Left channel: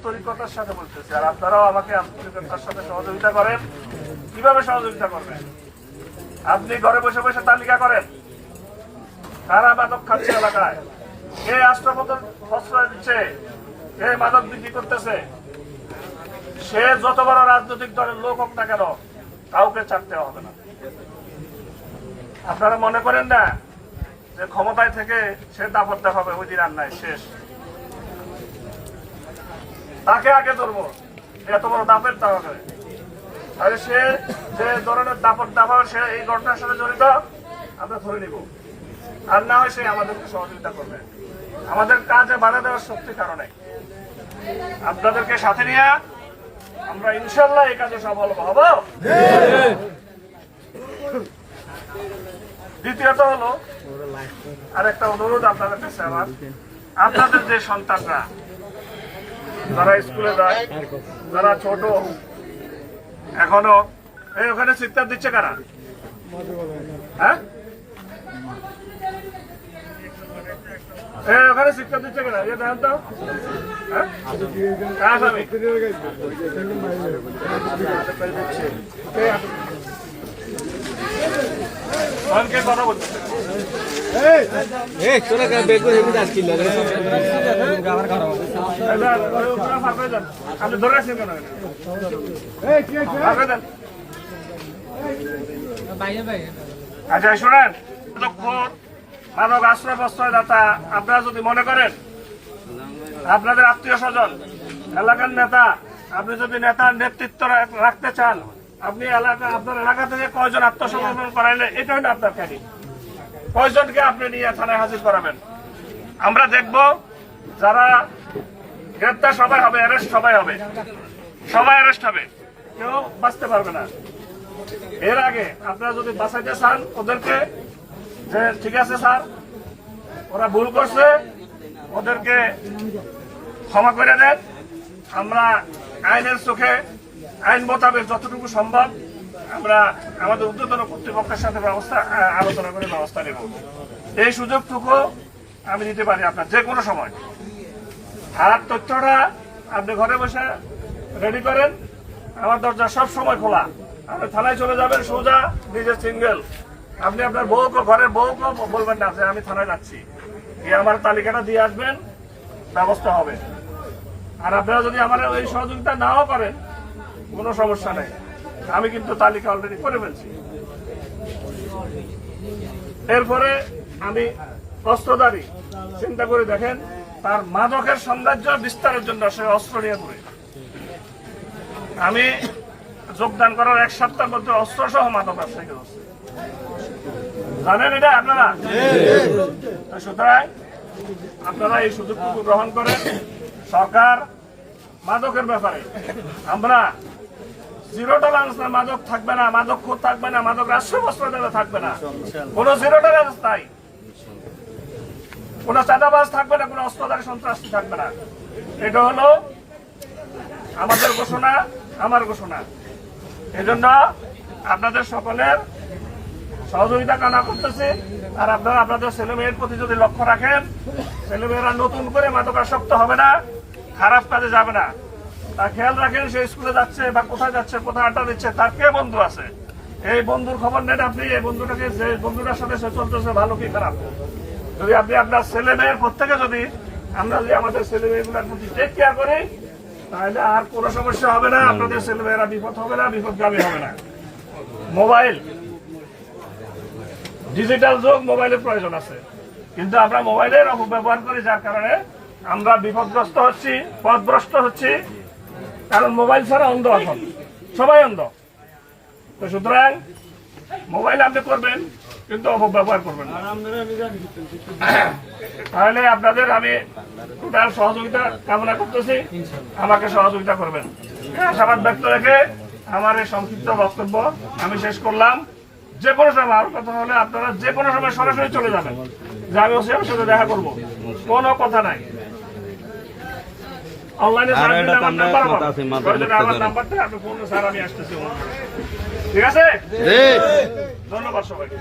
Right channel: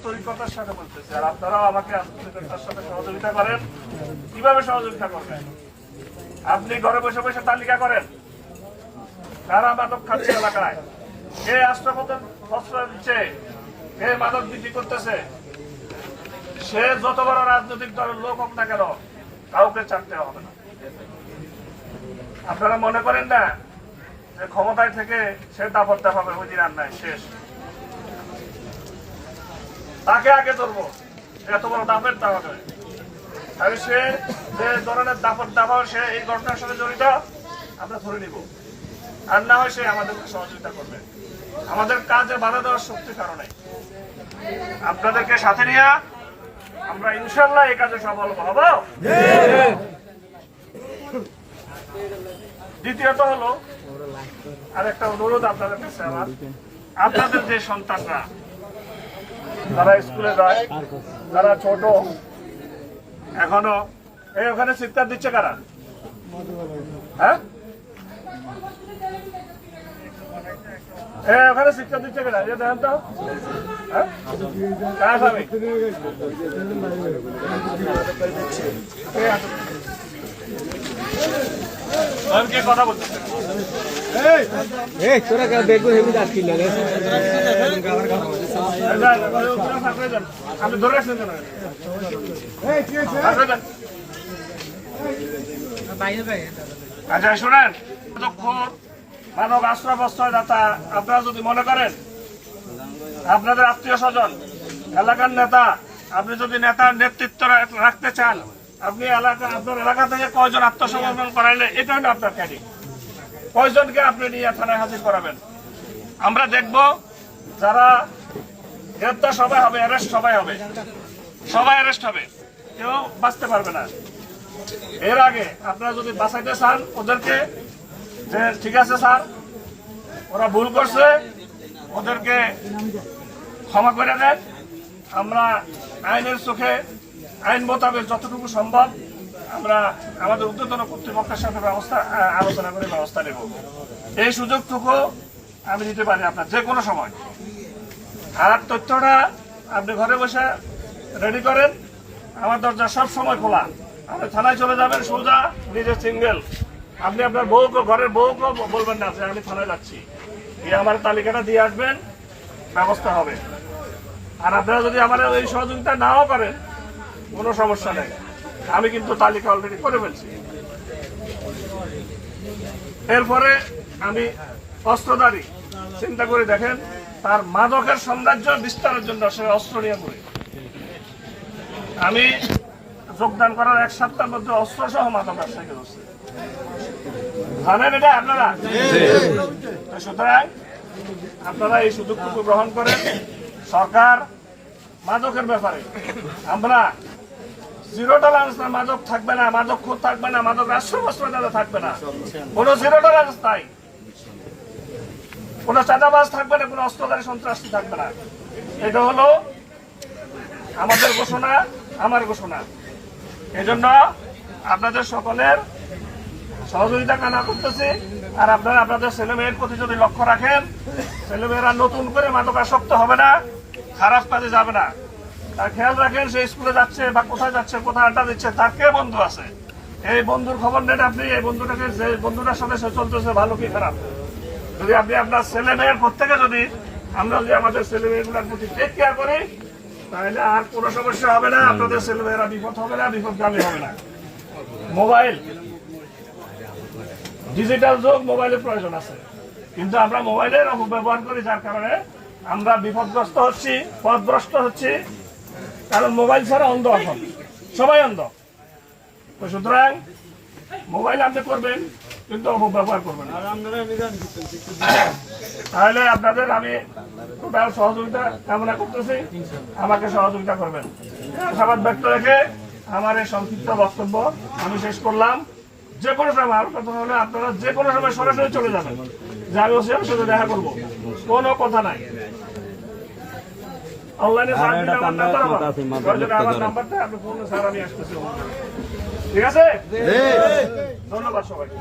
আন্তরিকতার সাথে বলতেছি, আর আপনারাও আমাকে আন্তরিকতার সাথে সহযোগিতা করেন। কিভাবে সহযোগিতা করবেন? আপনি ঘরে বসে বসে তালিকা করেন কারা মাদক খাচ্ছে এলাকায়, কে রাষ্ট্রপতি প্রশ্রয় দিচ্ছে, কে মাদক বিক্রি করতেছে। সে যত বড় রাজনৈতিক দলের লোক হোক না কেন, কাউকে ছাড়তে হবে না। আপনারা মনে করেন না যে ক্ষমতায় থেকে সে দাপট দেখাবে, ওই দিন আর নাই, শেষ। তাকে আগে ধরবো, এত বড় দাপের দেখাবে। তাহলে সে যে ধরনের দাপট দেখাবে, সে এই ঘটনার সাথে জড়িত, আমরা ধরে নিব। আর না হয় সে আমাদেরকে সহযোগিতা করবে। আমাদের কাজে বাধা দেওয়ার শক্তি কারণে আপনাদেরকে সাথে নিয়ে আমরা ইনশাল্লাহ এই কাজে সফল হব। দ্বিতীয়ত হলো আরেকটা অনুরোধ আপনাদের কাছে আমার, আপনাদের যে সন্তানরা যারা স্কুলে যায়, যারা ছোট এখনো, এই ওখানে চিৎকার দিচ্ছে কারা? হ্যাঁ, ওখানে চিৎকার দিচ্ছে কারা? দেখেন তো, হ্যাঁ, কথা বলছে আপনি ধরে রাখছেন কেন? আচ্ছা শোনেন, মানব আশ্রয় প্রশ্রয়দাতা আপনারা যদি মনে করেন আপনাদের আত্মীয় স্বজন, এলাকার নেতা, আপনি যদি নেতার নেতৃত্ব রাখতে চান, আপনি আপনার এলাকা থেকে কয়জন আত্মসমর্পণ করাইলে এটা হলো আপনার ক্যাডি। কয়জনকে আপনি নিয়ে থানায় হাজির করাবেন? আমরা দেখব যারা গ্রেপ্তার সবাই হবে, অ্যারেস্ট সবাই হবে, সবাই অ্যারেস্ট হবে, কেউ বাঁচতে পারবে না। এর আগে আপনারা যদি বাঁচাইতে চান ওদেরকে, যে ঠিক আছে স্যার ওরা ভুল করছে, ওদেরকে ক্ষমা করে দেন, আমরা আইনের চোখে আইন মোতাবেক যতটুকু সম্ভব আমরা আমাদের ঊর্ধ্বতন কর্তৃপক্ষের সাথে আলোচনা করে ব্যবস্থা নেব। এই সুযোগটুকু আমি দিতে পারি আপনার যে কোনো সময়। আর তথ্যটা আপনি ঘরে বসে রেডি করেন, আমার দরজা সব সময় খোলা। আপনি থানায় চলে যাবেন সোজা, নিজে সিঙ্গেল। আপনি আপনার বউকে, ঘরের বউকে বলবেন না যে আমি থানায় যাচ্ছি, এই আমার তালিকাটা দিয়ে আসবেন, ব্যবস্থা হবে। আর আপনারা যদি আমার এই সহযোগিতা নাও করেন কোনো সমস্যা নেই, আমি কিন্তু তালিকা অলরেডি করে ফেলছি। এরপরে আমি অস্ত্রধারী, চিন্তা করে দেখেন, তার মাদকের সাম্রাজ্য বিস্তারের জন্য সে অস্ত্র নিয়ে ঘুরে। আমি যোগদান করার 1 সপ্তাহের মধ্যে অস্ত্র সহ মাদক ব্যবসায়ীকে ধরছে, জানেন এটা আপনারা? সুতরাং আপনারা এই সুযোগটুকু গ্রহণ করেন। সরকার মাদকের ব্যাপারে আমরা জিরো টলারেন্স, না মাদক থাকবে না, মাদক খুব থাকবে না, মাদক রাষ্ট্রপ্রশ্রয়দাতা থাকবে না, কোনো জিরো টলারেন্স নাই, কোনো চাঁদাবাজ থাকবে না, কোনো অস্ত্রধারী সন্ত্রাসী থাকবে না। এটা হলো আমাদের ঘোষণা, আমার ঘোষণা। এই জন্য আপনাদের সকলের সহযোগিতা কামনা করতেছি। আর আপনারা আপনাদের ছেলেমেয়ের প্রতি যদি লক্ষ্য রাখেন, ছেলেমেয়েরা নতুন করে মাদকাসক্ত হবে না, খারাপ কাজে যাবে না, তার খেয়াল রাখেন। সে স্কুলে যাচ্ছে বা কোথায় যাচ্ছে, কোথায় আড্ডা দিচ্ছে, তার কে বন্ধু আছে, এই বন্ধুর খবর নেন আপনি। এই বন্ধুটাকে, যে বন্ধুটার সাথে সে চলতেছে, ভালো কি খারাপ, যদি আপনি আপনার ছেলে মেয়ের প্রত্যেকে যদি আমরা যদি আমাদের ছেলে মেয়েগুলোর প্রতি টেক কেয়ার করি, তাহলে আর কোনো সমস্যা হবে না, আপনাদের ছেলে মেয়েরা বিপদ হবে না, বিপদগামী হবে না। মোবাইল ডিজিটাল যুগ, মোবাইলের প্রয়োজন আছে, কিন্তু আমরা মোবাইলের অপব্যবহার করি, যার কারণে আমরা বিপদগ্রস্ত হচ্ছি, পথভ্রষ্ট হচ্ছি। কারণ মোবাইল ছাড়া অন্ধ, এখন সবাই অন্ধ। তো সুতরাং মোবাইল আপনি করবেন, কিন্তু অপব্যবহার করবেন না। তাহলে আপনাদের আমি টোটাল সহযোগিতা কামনা করতেছি, আমাকে সহযোগিতা করবেন। আশাবাদ ব্যক্ত রেখে আমার এই সংক্ষিপ্ত বক্তব্য আমি শেষ করলাম। যে কোনো সময় আমার কথা হলে আপনারা যে কোনো সময় সরাসরি চলে যাবেন, যে আমি ওসি আমার সাথে দেখা করবো, কোনো কথা নাই। অনলাইনে নাম্বারটা আপনি ফোন, স্যার আমি আসতেছি, ঠিক আছে? ধন্যবাদ সবাইকে।